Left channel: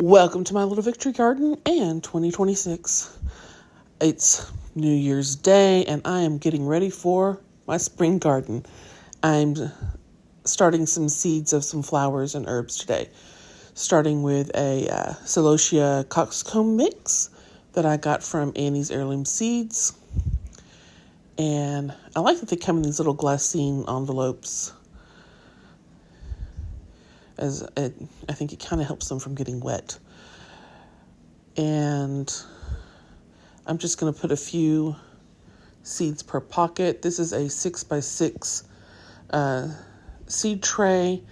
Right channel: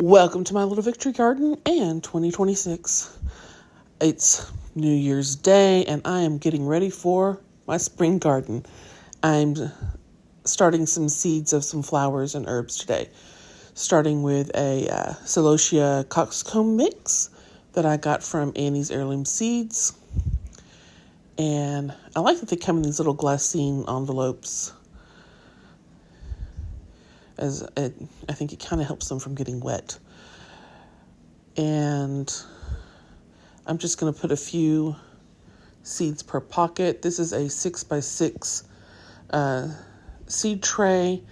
Welcome to my little victory garden and 2026. It's New Year's Day and I am getting ready for my spring garden. I'm starting some seeds of some flowers and herbs today. Starting with a Celosia coxcomb mix that I got from Annie's Heirloom Seeds. And I like that they come in these little glassine envelopes. I think it kind of helps them from getting wet. And I'm just going to put a few seeds per pocket. This is a 6x6 seed tray.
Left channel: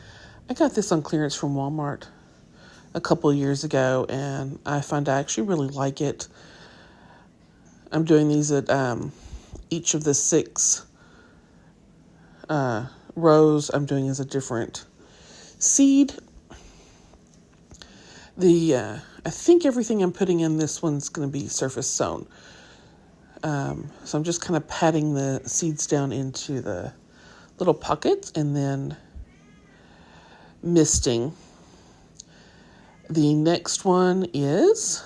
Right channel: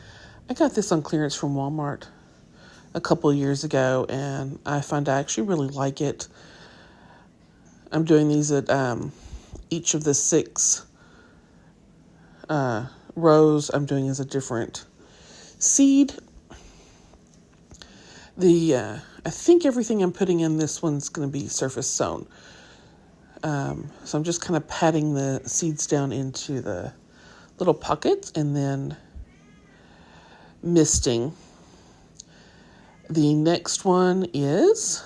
I got this on clearance from Walmart a couple of years ago, and I find I actually really like it. I'm doing these at each of the 6 rows I'm doing is a different seed. I think everything I'm putting in this one's going to be surface sown. So I'm just kind of patting the seeds down into the little pockets and then misting. The next one is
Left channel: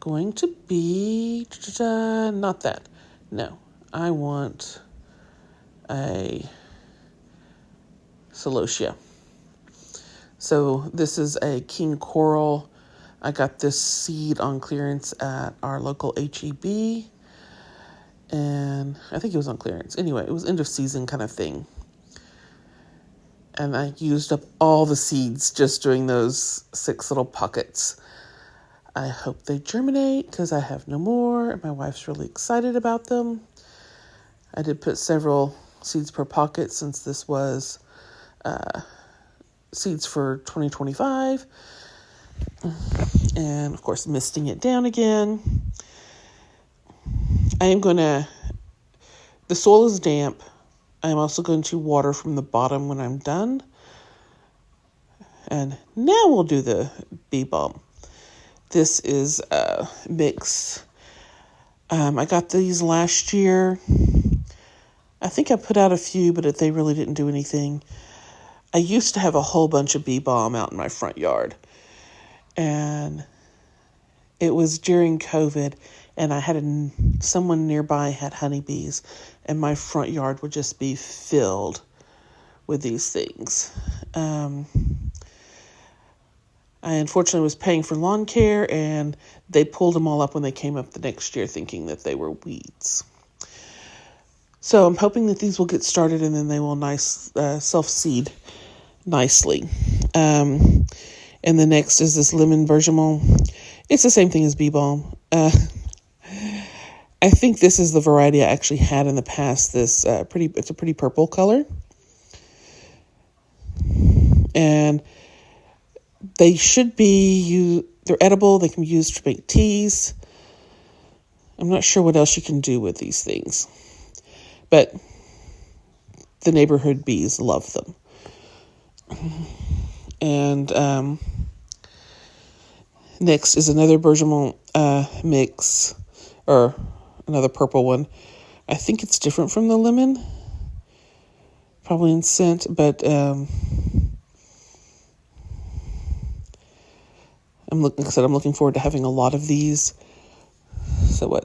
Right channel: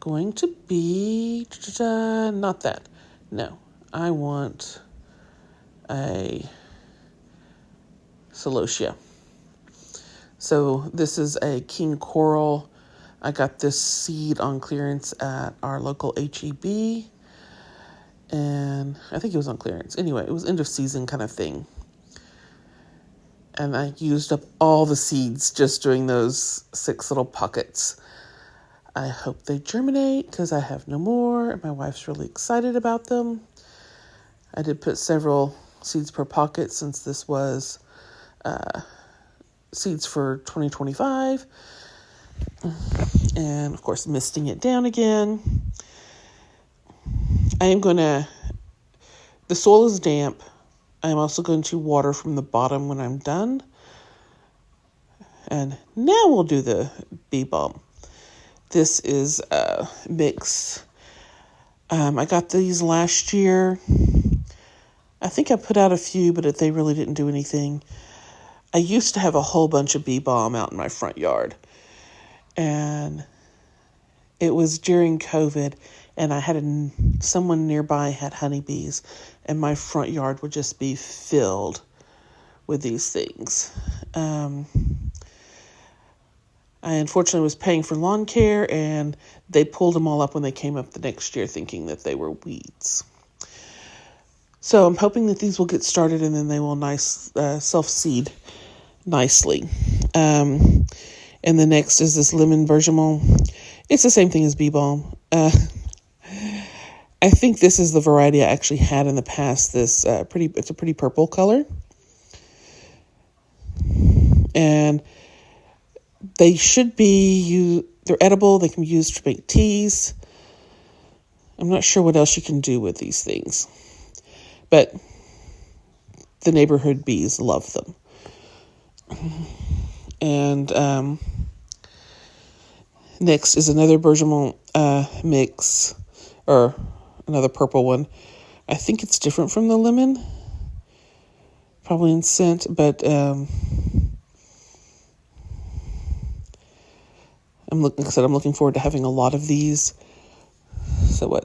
going to be, not that. No, I want a Celosia. So this is a king coral. I got this seed on clearance at our local HEB. And I think it was on clearance. Anyway, it was end of season kind of thing. And I used up all the seeds just doing those 6 little pockets. I hope they germinate because I have no more. And my wife's really excited about them. I did put several seeds per pocket since this was seeds for 2025. And of course, misting it down again. The soil is damp. I'm also going to water from the bottom when I'm done. And now we'll do the bee balm. This is a mix. I got these last year. I think I put out a few, but they really didn't do anything. I used to have a whole bunch of bee balm out in my front yard. And it was during COVID, and I had someone nearby had honeybees, and my front yard would just be filled with these things. I unfortunately was paying for lawn care, and they pulled them all up when they came up the next year thinking that they were weeds. So I'm hoping that these will get started and then they will self-seed nicely. And the next is this lemon bergamot. It's the same thing as bee balm. I think this is the variety I actually had in the past. It's a pretty purple color. And they should be, they're edible. They can be used to make teas. I'm not sure what else you can do with these things. But the neighborhood bees love them. And next is another bergamot mix, or another purple one. I think it's different from the lemon, probably in scent, but I'm looking forward to having a lot of these. So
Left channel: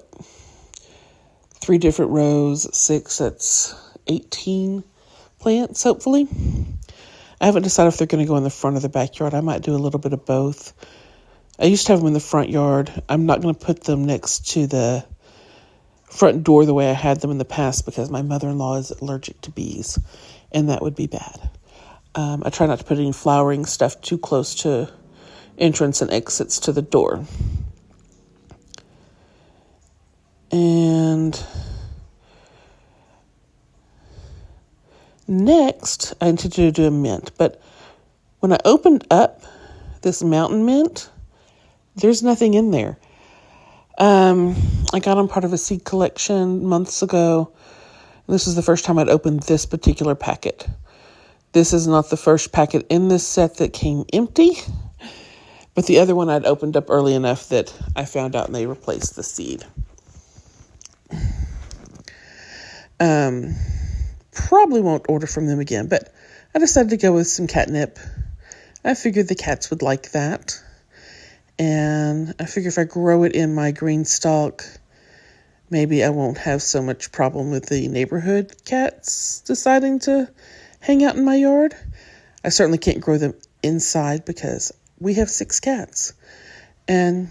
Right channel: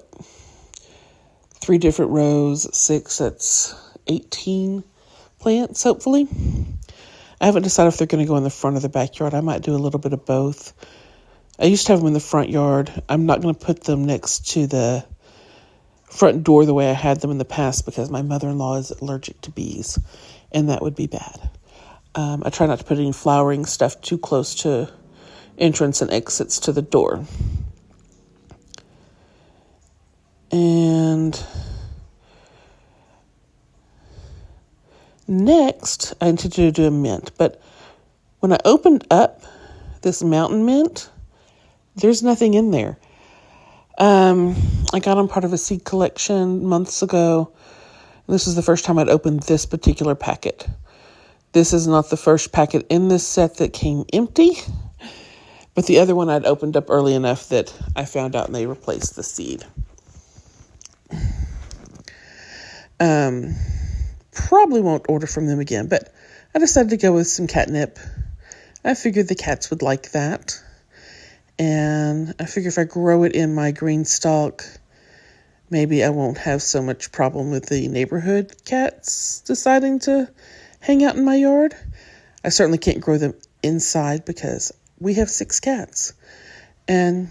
3 different rows, 6, that's 18 plants, hopefully. I haven't decided if they're going to go in the front or the backyard. I might do a little bit of both. I used to have them in the front yard. I'm not going to put them next to the front door the way I had them in the past because my mother-in-law is allergic to bees, and that would be bad. I try not to put any flowering stuff too close to entrance and exits to the door. And next, I intended to do a mint. But when I opened up this mountain mint, there's nothing in there. I got on part of a seed collection months ago. This is the first time I'd opened this particular packet. This is not the first packet in this set that came empty. But the other one I'd opened up early enough that I found out and they replaced the seed. Probably won't order from them again, but I decided to go with some catnip. I figured the cats would like that. And I figure if I grow it in my green stalk, maybe I won't have so much problem with the neighborhood cats deciding to hang out in my yard. I certainly can't grow them inside because we have 6 cats. And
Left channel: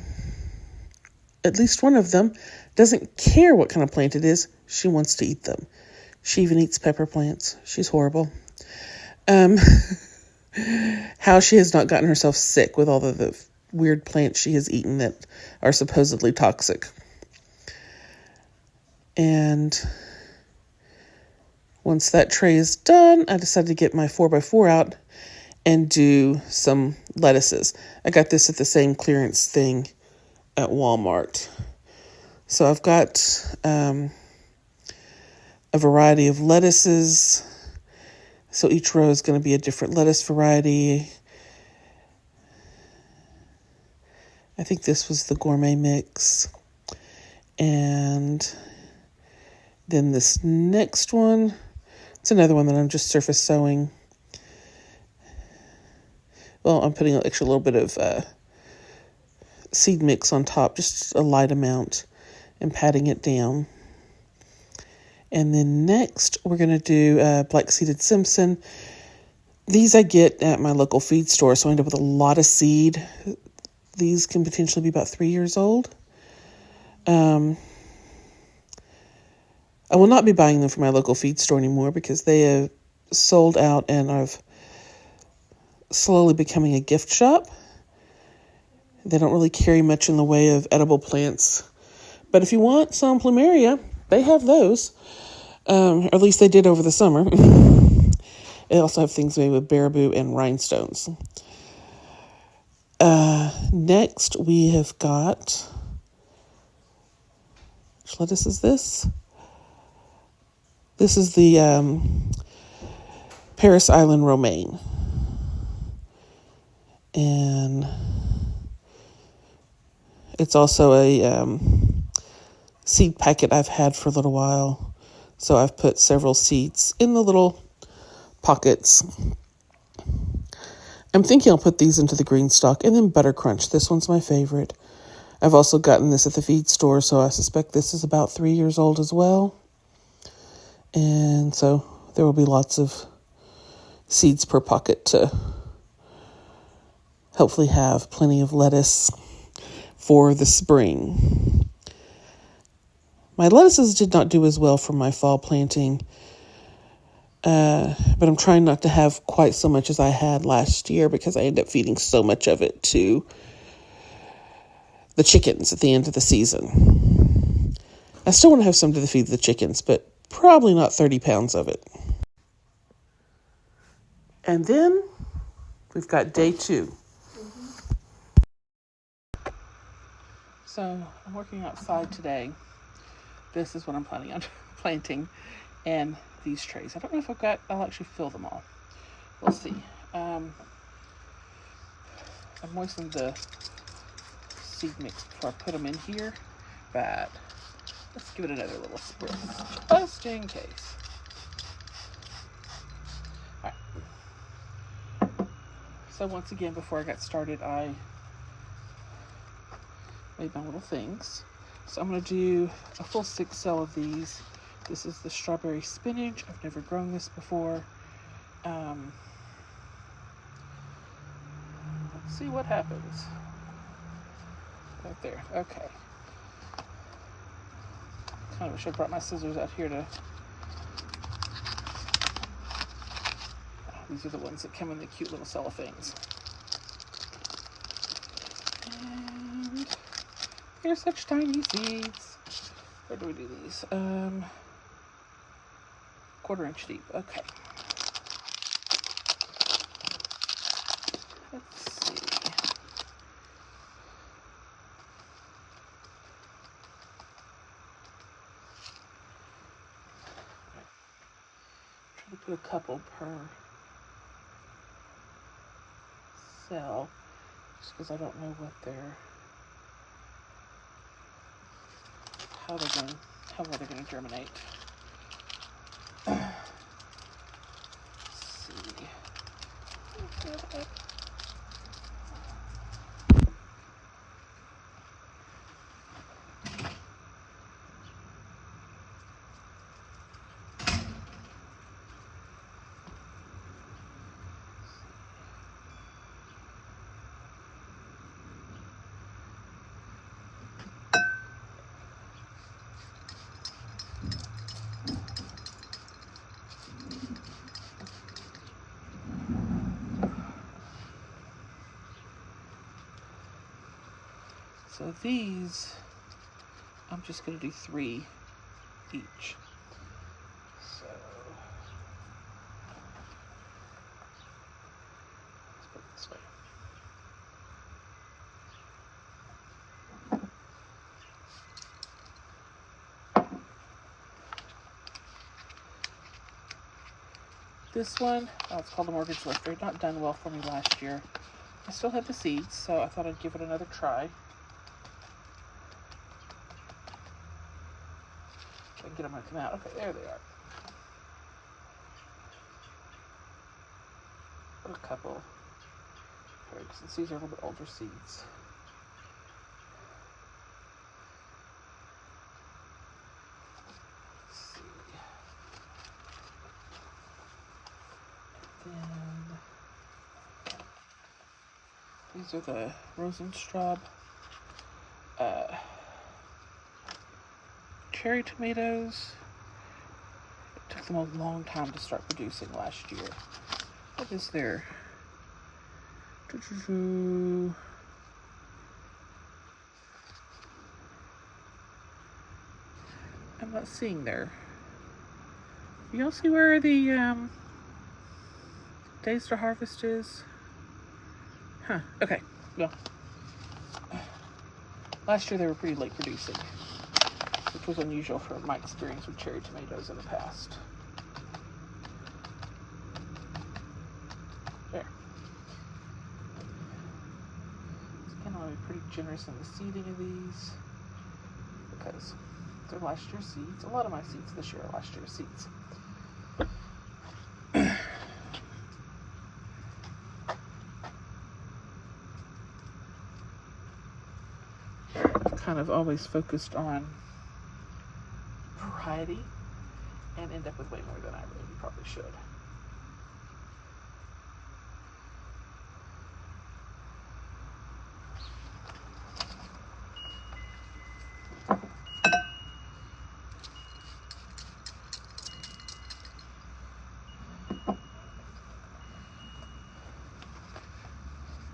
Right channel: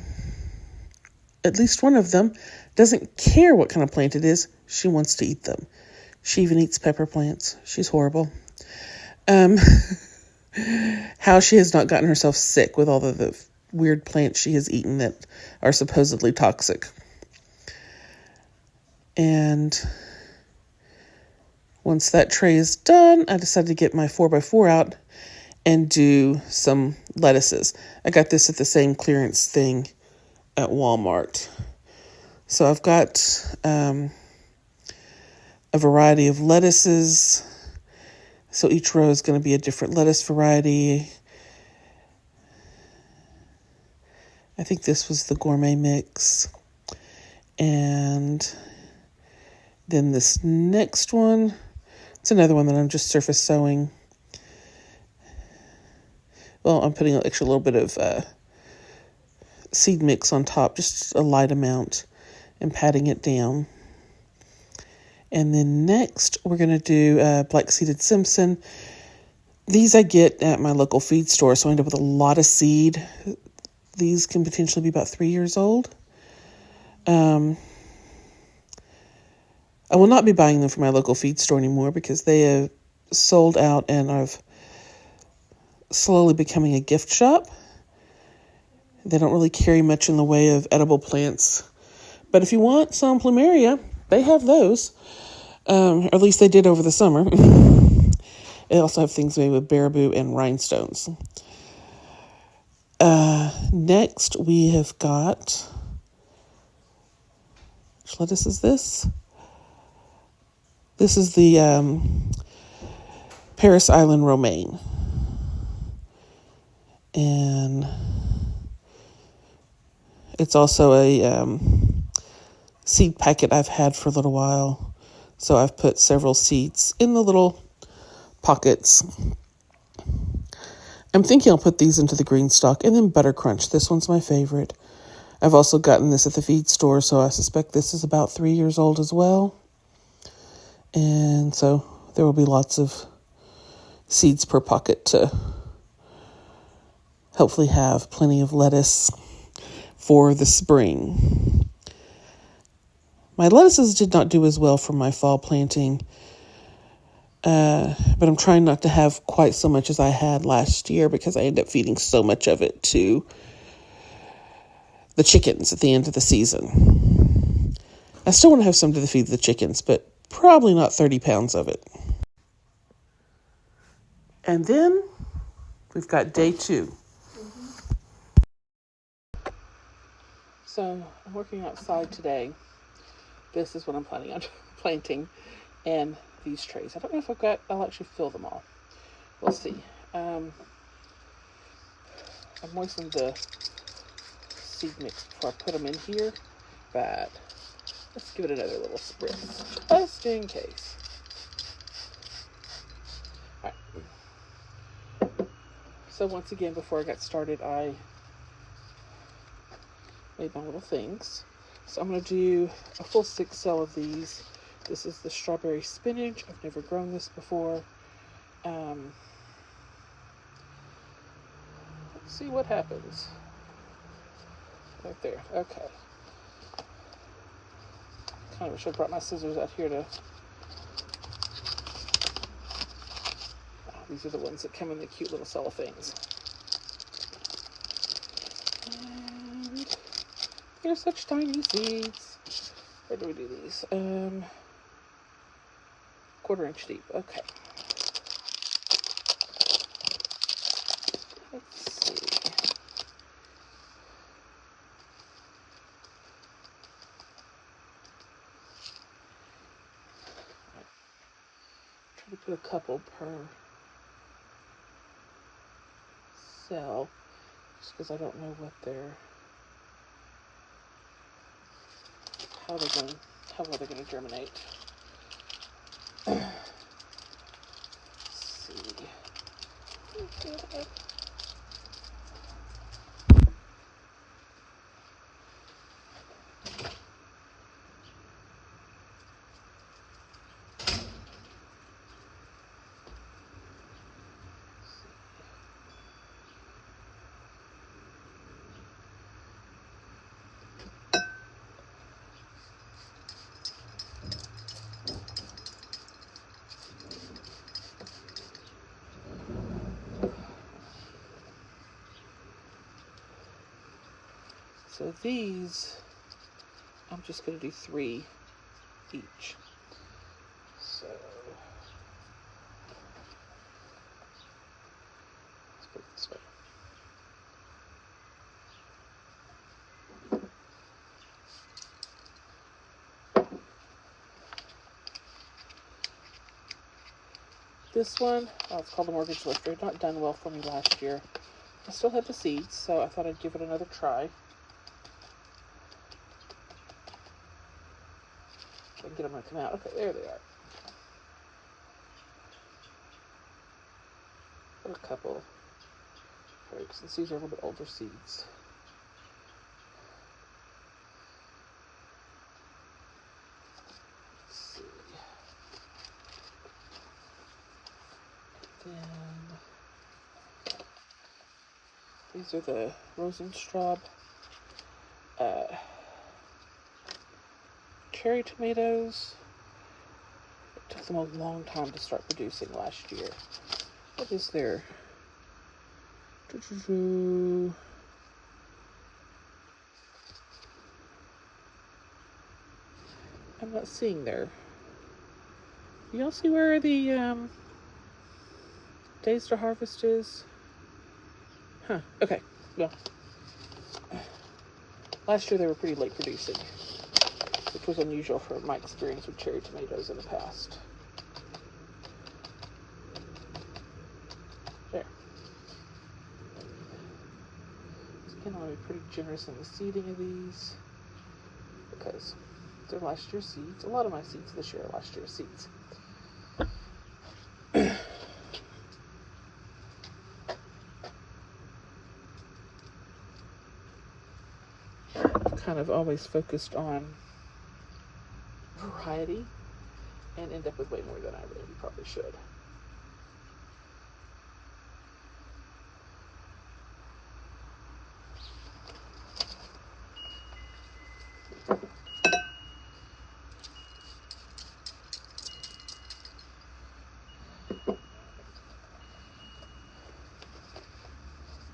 at least one of them doesn't care what kind of plant it is. She wants to eat them. She even eats pepper plants. She's horrible. How she has not gotten herself sick with all the weird plants she has eaten that are supposedly toxic. And once that tray is done, I decided to get my 4x4 out and do some lettuces. I got this at the same clearance thing at Walmart. So I've got a variety of lettuces. So each row is going to be a different lettuce variety. I think this was the gourmet mix. And then this next one, it's another one that I'm just surface sowing. Well, I'm putting an extra little bit of seed mix on top, just a light amount, and patting it down. And then next, we're going to do black-seeded Simpson. These I get at my local feed store, so I end up with a lot of seed. These can potentially be about 3 years old. I will not be buying them from my local feed store anymore because they have sold out and are slowly becoming a gift shop. They don't really carry much in the way of edible plants. But if you want some plumeria, they have those. Or at least they did over the summer. They also have things made with baraboo and rhinestones. Next, we have got... Which lettuce is this? This is the Paris Island romaine. And it's also a seed packet I've had for a little while. So I've put several seeds in the little pockets. I'm thinking I'll put these into the green stalk and then butter crunch. This one's my favorite. I've also gotten this at the feed store, so I suspect this is about 3 years old as well. And so there will be lots of seeds per pocket to hopefully have plenty of lettuce for the spring. My lettuces did not do as well for my fall planting, but I'm trying not to have quite so much as I had last year because I ended up feeding so much of it to the chickens at the end of the season. I still want to have some to feed the chickens, but probably not 30 pounds of it. And then we've got day 2. So I'm working outside today. This is what I'm planning on planting in these trays. I don't know if I'll actually fill them all. We'll see. I moistened the seed mix before I put them in here, but let's give it another little spritz, just in case. All right. So once again, before I got started, I made my little things. So I'm going to do a full 6 cell of these. This is the strawberry spinach. I've never grown this before. Let's see what happens. Right there. Okay. Kind of wish I brought my scissors out here to... These are the ones that come in the cute little cellophanes. And here's such tiny seeds. Where do we do these? 1/4 inch deep. Okay. Let's see. Try to put a couple per cell, just because I don't know what how well they're going to germinate. Let's see. So these, I'm just going to do 3 each. So let's put it this way. This one, it's called the Mortgage Lifter. Not done well for me last year. I still had the seeds, so I thought I'd give it another try. I can get them to come out. Okay, there they are. A couple. Since these are a little bit older seeds. Let's see. Then these are the Rosenstraub cherry tomatoes. It took them a long time to start producing last year. What is their I'm not seeing there. Y'all see where the days to harvest is? Huh, okay. Well, last year they were pretty late producing, which was unusual for my experience with cherry tomatoes in the past. There. Again, I'll be pretty generous in the seeding of these because they're last year's seeds. A lot of my seeds this year are last year's seeds. I've kind of always focused on variety and end up with way more than I really probably should.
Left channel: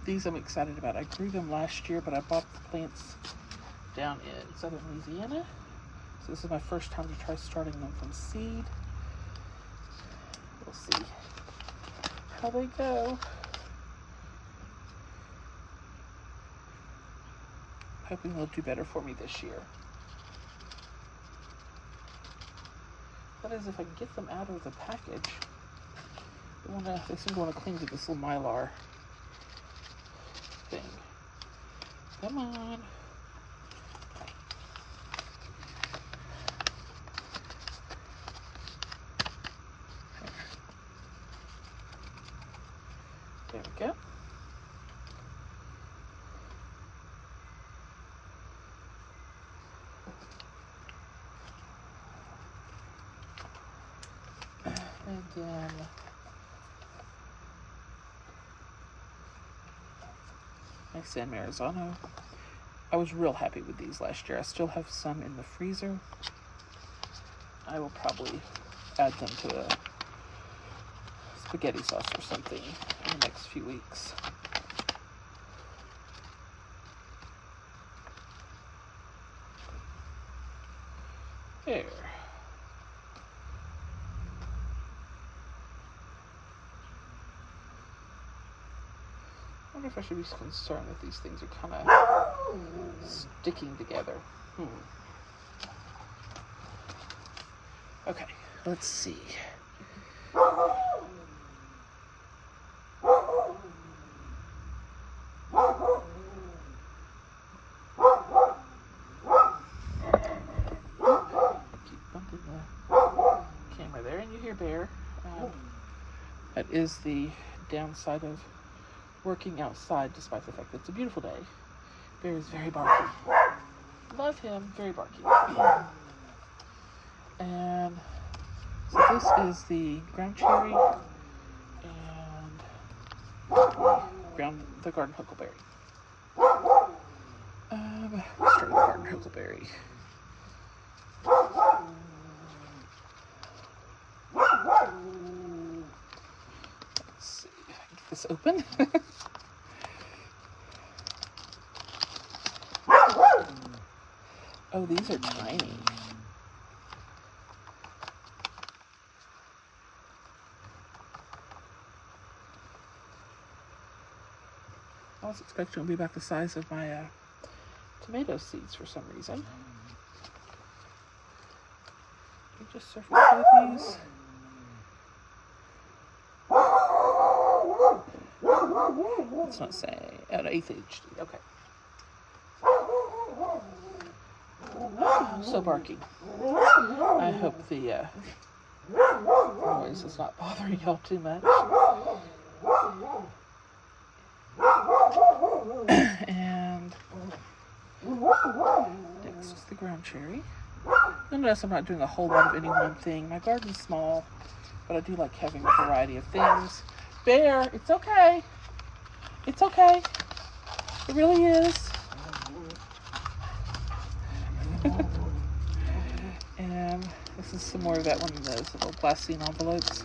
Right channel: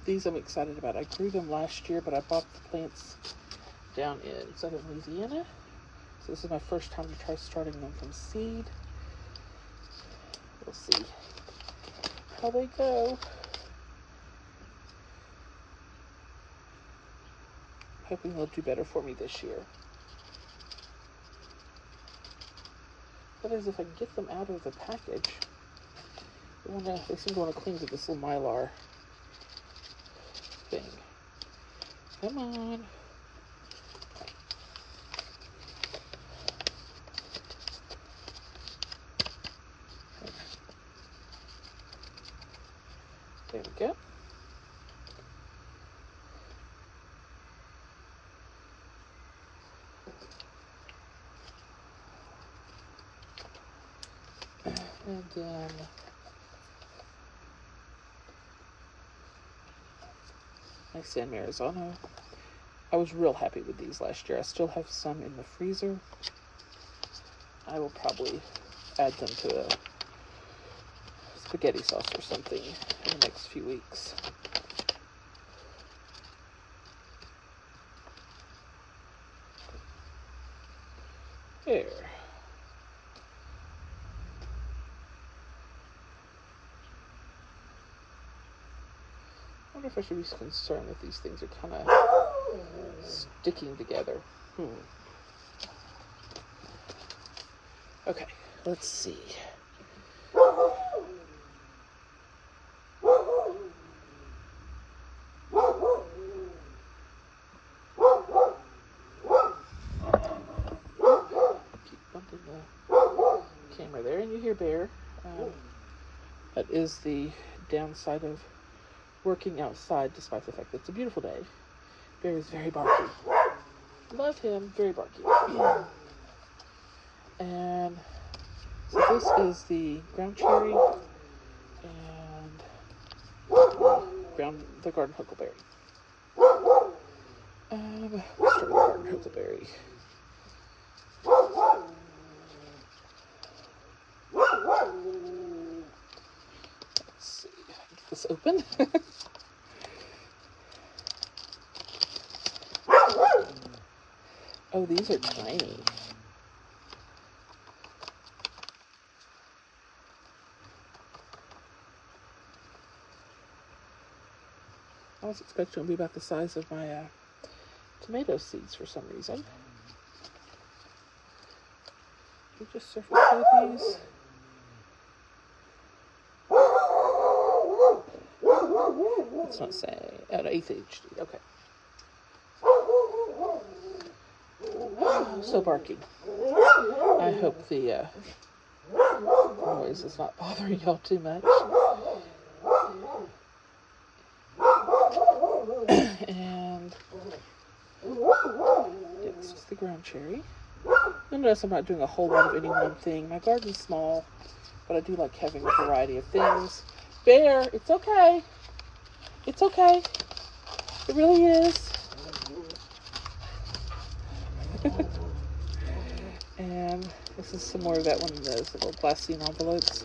These I'm excited about. I grew them last year, but I bought the plants down in southern Louisiana. So this is my first time to try starting them from seed. We'll see how they go. Hoping they'll do better for me this year. That is, if I can get them out of the package. They seem to want to cling to this little mylar thing. Come on. There we go. And then my San Marzano. I was real happy with these last year. I still have some in the freezer. I will probably add them to a spaghetti sauce or something in the next few weeks. There. I wonder if I should be concerned that these things are kind of sticking together. Okay, let's see. Keep bumping the camera there, and you hear Bear. That is the downside of working outside, despite the fact that it's a beautiful day. Bear is very barky. Love him, very barky. And so this is the ground cherry and the garden huckleberry. Let's start with the garden huckleberry. Let's see if I can get this open. Oh, these are tiny. I was expecting it to be about the size of my tomato seeds for some reason. You just surface load these. It's not saying. Oh, no, 8th HD. Okay. So barky. I hope the noise is not bothering y'all too much. And next is the ground cherry. You'll notice I'm not doing a whole lot of any one thing. My garden's small, but I do like having a variety of things. Bear, it's okay. It's okay. It really is. And this is some more of that one of those little glassine envelopes.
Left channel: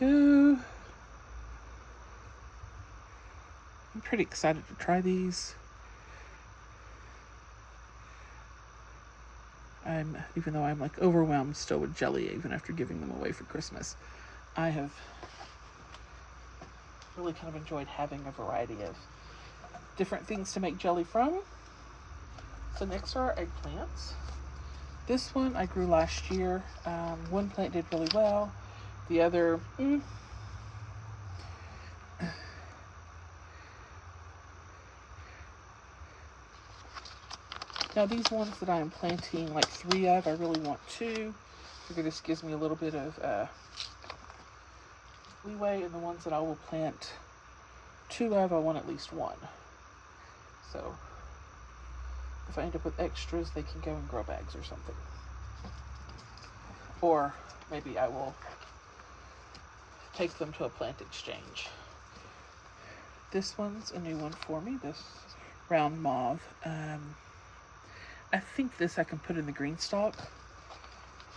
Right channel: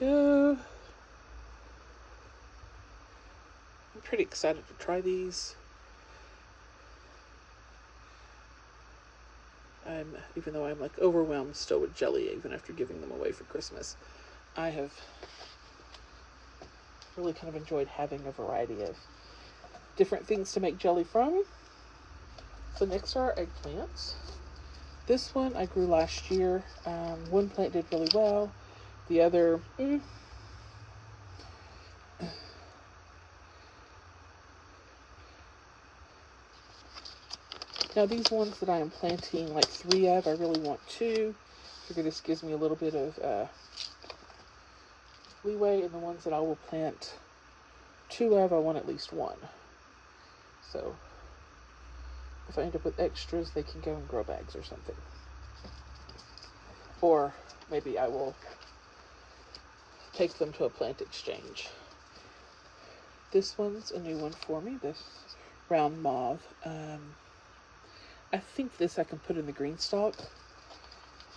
Go. I'm pretty excited to try these. Even though I'm like overwhelmed still with jelly, even after giving them away for Christmas, I have really kind of enjoyed having a variety of different things to make jelly from. So next are our eggplants. This one I grew last year. One plant did really well. The other, Now these ones that I am planting like 3 of, I really want 2. I figure this gives me a little bit of leeway, and the ones that I will plant 2 of, I want at least 1. So if I end up with extras, they can go in grow bags or something. Or maybe I will take them to a plant exchange. This one's a new one for me, this round mauve. I think this I can put in the green stalk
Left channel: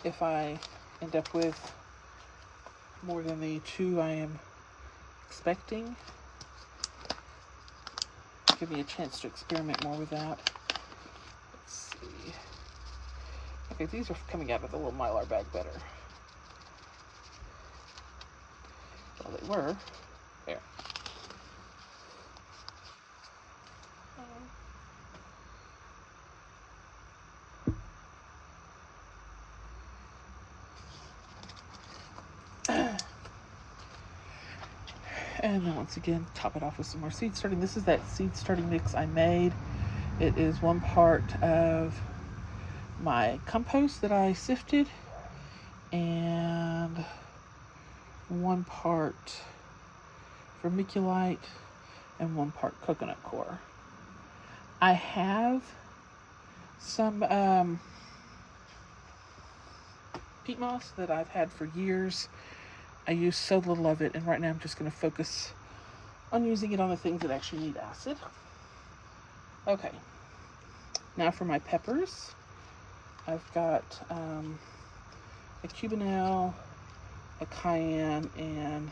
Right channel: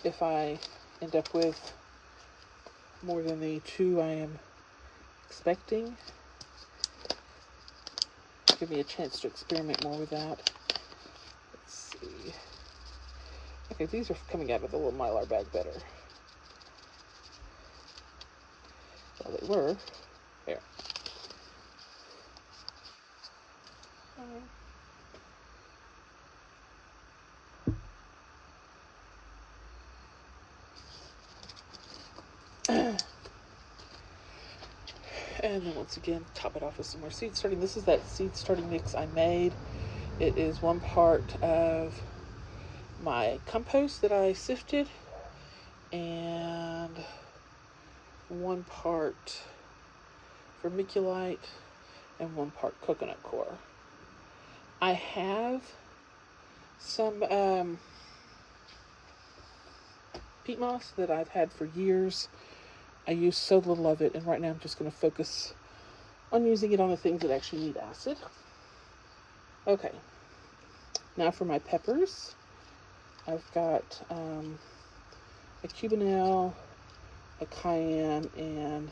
if I end up with more than the 2 I am expecting. Give me a chance to experiment more with that. Let's see. Okay, these are coming out of the little Mylar bag better. Well, they were. There. And then once again, top it off with some more seed starting. This is that seed starting mix I made. It is 1 part of my compost that I sifted and 1 part vermiculite and 1 part coconut coir. I have some peat moss that I've had for years. I use so little of it, and right now I'm just going to focus on using it on the things that actually need acid. Okay, now for my peppers. I've got a cubanelle, a cayenne, and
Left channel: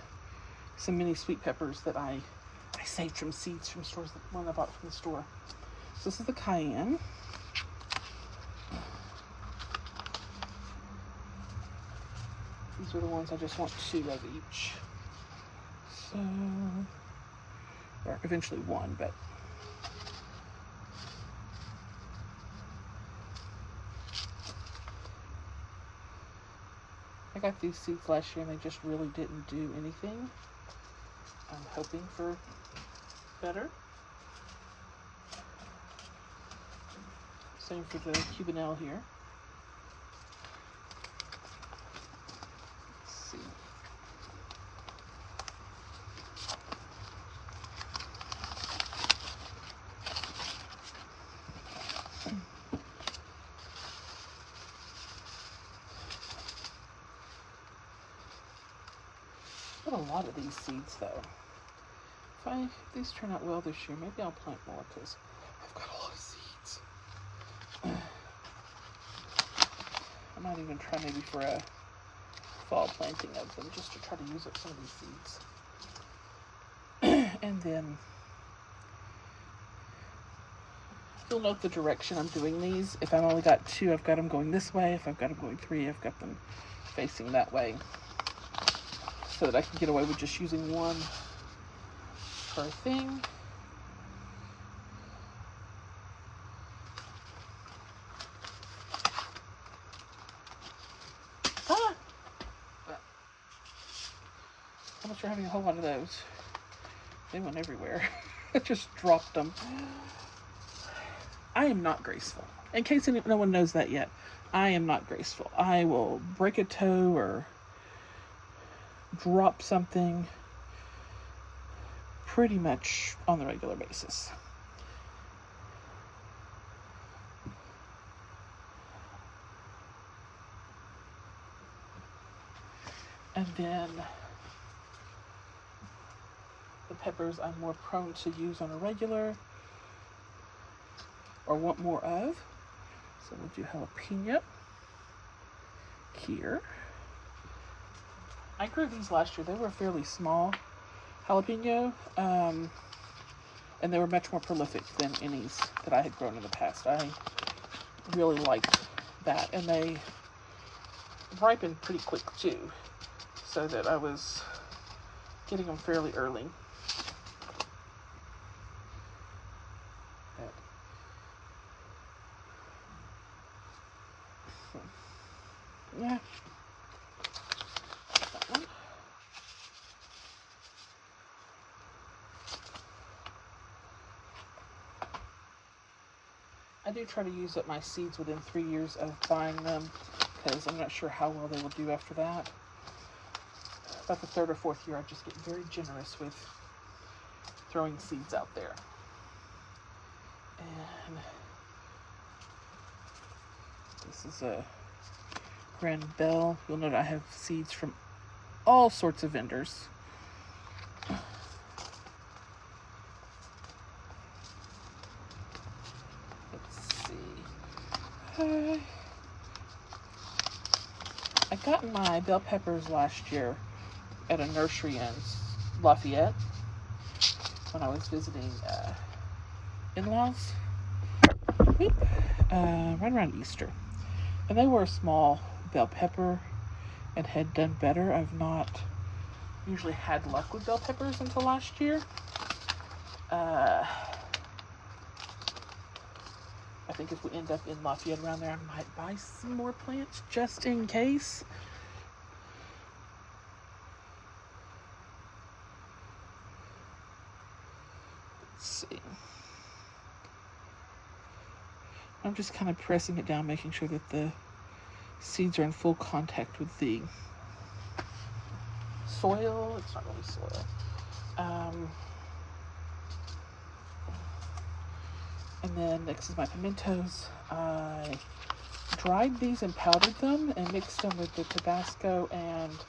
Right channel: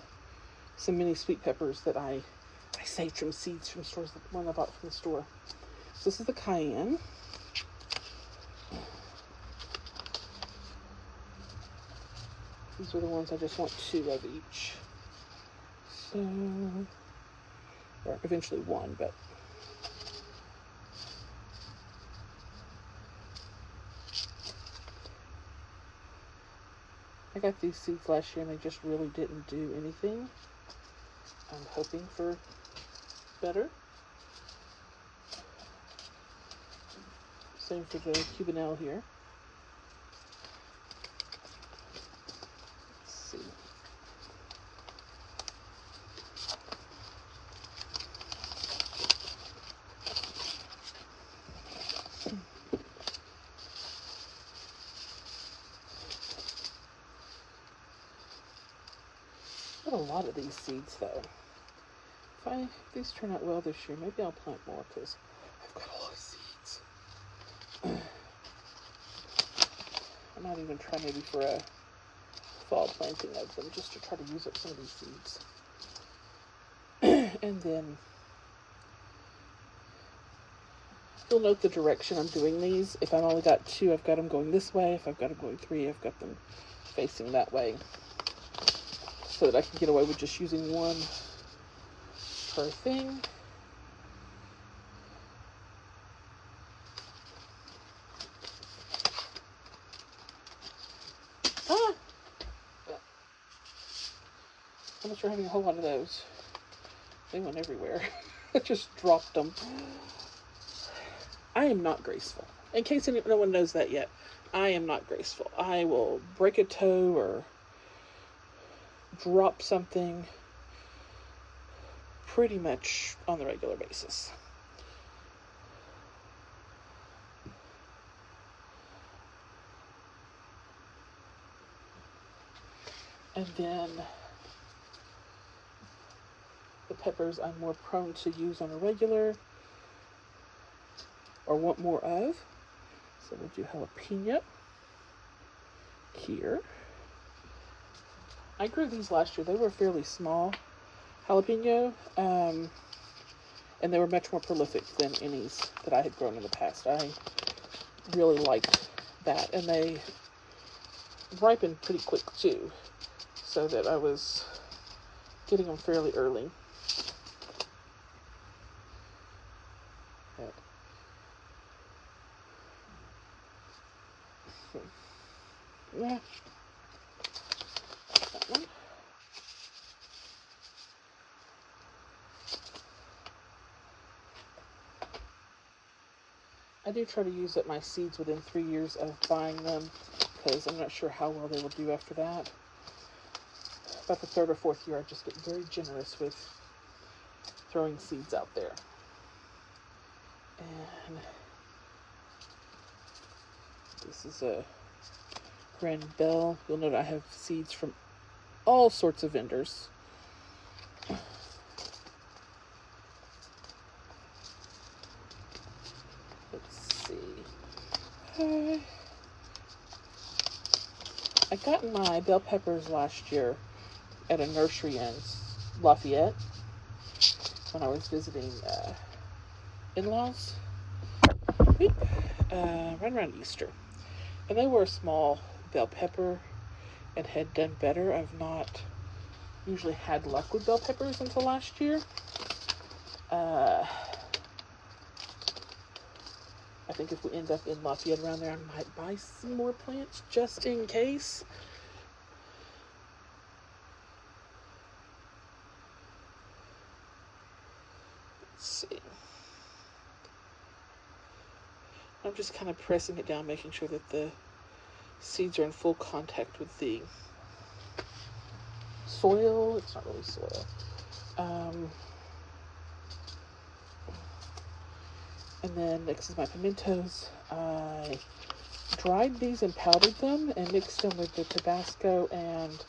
some mini sweet peppers that I saved from seeds from stores, the one I bought from the store. So this is the cayenne. These are the ones I just want 2 of each. So, or eventually 1, but I got these seeds last year and they just really didn't do anything. I'm hoping for better. Same for the cubanelle here. Let's see. Got a lot of these seeds though. If these turn out well this year, maybe I'll plant more because I've got a lot of seeds. I might even try maybe for a fall planting of them just to try to use up some of these seeds. And then you'll note the direction I'm doing these. If I've only got 2, I've got them going this way. If I've got them going 3, I've got them facing that way, so that I can get away with just using one per thing. Unless you're having a whole lot of those. They went everywhere. I just dropped them. I am not graceful. In case no one knows that yet, I am not graceful. I will break a toe or drop something pretty much on the regular basis. And then the peppers I'm more prone to use on a regular or want more of. So we'll do jalapeno here. I grew these last year. They were fairly small jalapeno, and they were much more prolific than any that I had grown in the past. I really liked that, and they ripened pretty quick too, so that I was getting them fairly early. Yeah. That one. I do try to use up my seeds within 3 years of buying them, because I'm not sure how well they will do after that. About the 3rd or 4th year, I just get very generous with throwing seeds out there. And this is a Grand Bell. You'll note I have seeds from all sorts of vendors. Let's see. I got my bell peppers last year at a nursery in Lafayette when I was visiting in-laws right around Easter. And they were a small bell pepper and had done better. I've not usually had luck with bell peppers until last year. I think if we end up in Lafayette around there, I might buy some more plants just in case. Let's see. I'm just kind of pressing it down, making sure that the seeds are in full contact with the soil. It's not really soil. And then next is my pimentos. I dried these and powdered them and mixed them with the Tabasco and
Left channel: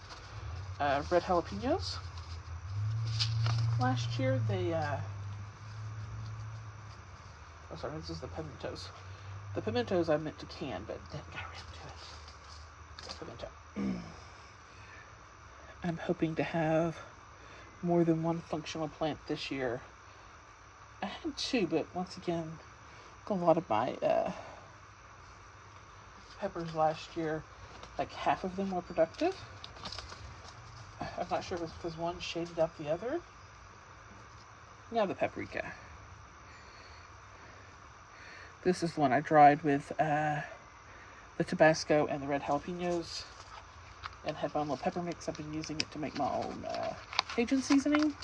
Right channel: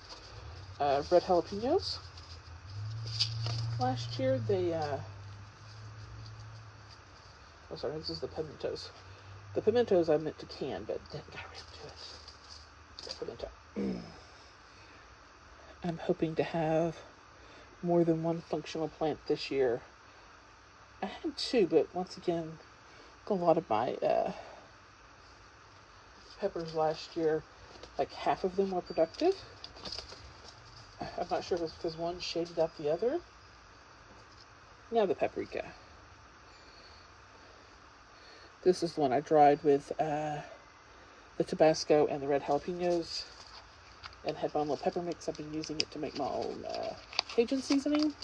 red jalapenos. Last year they, oh sorry, this is the pimentos. The pimentos I meant to can, but didn't get around to it. Pimento. I'm hoping to have more than one functional plant this year. I had 2, but once again, a lot of my peppers last year, like half of them were productive. I'm not sure if it's because one shaded out the other. Now the paprika. This is one I dried with the Tabasco and the red jalapenos and had my little pepper mix. I've been using it to make my own Cajun seasoning.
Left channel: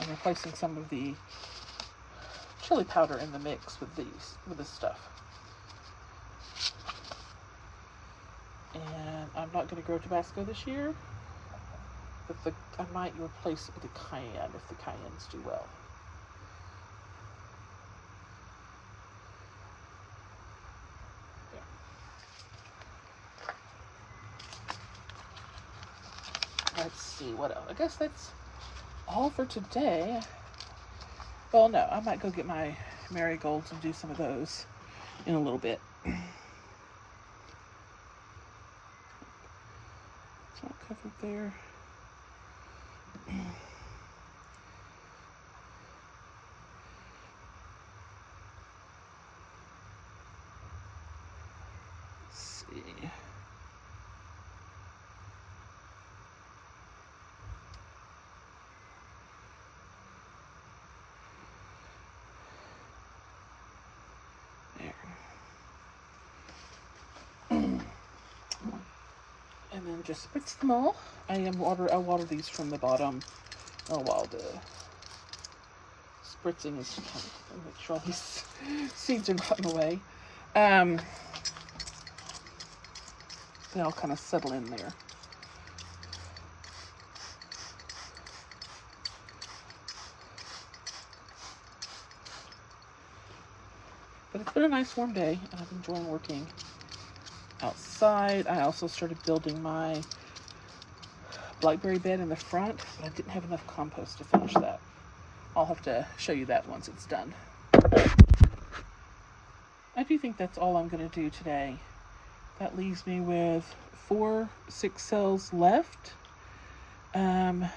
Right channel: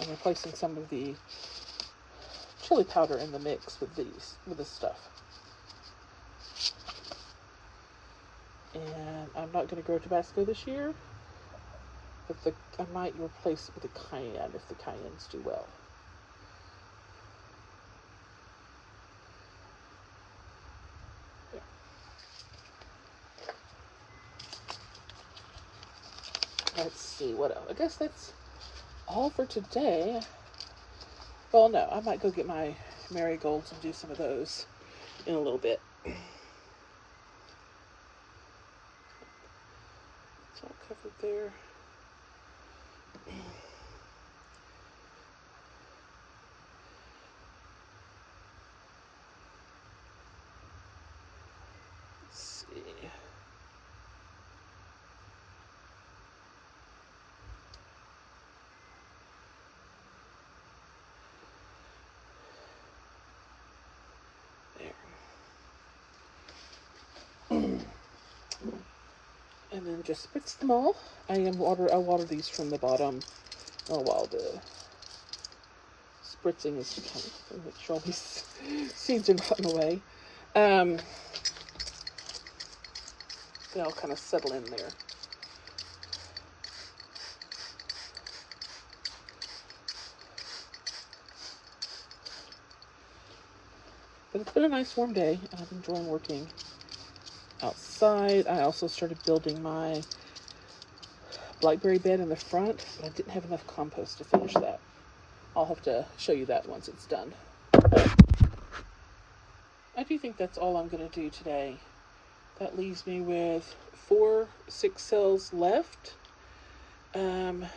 I'm replacing some of the chili powder in the mix with this stuff. And I'm not going to grow Tabasco this year, but I might replace it with a cayenne if the cayennes do well. There. Let's see, what else? I guess that's all for today. Well, no, I might go get my marigolds and do some of those in a little bit. It's all covered there. Let's see. And then just spritz them all. I water these from the bottom while the spritzing is make sure all these seeds are not in the way. They all kind of settle in there. But it's been a nice warm day, and I've enjoyed working outside. I also started building my blackberry bed in the front, but I didn't have enough compost to finish that. I'll have to show you that once it's done. I do think that's all I'm going to do today. That leaves me with 6 cells left. I'll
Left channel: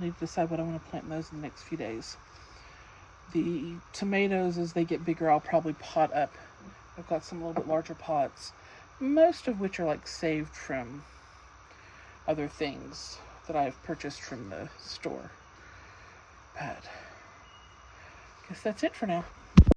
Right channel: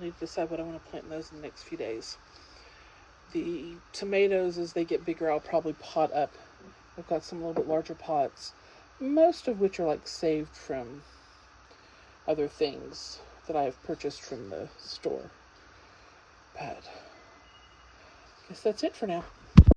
need to decide what I want to plant in those in the next few days. The tomatoes, as they get bigger, I'll probably pot up. I've got some little bit larger pots, most of which are like saved from other things that I've purchased from the store. But I guess that's it for now.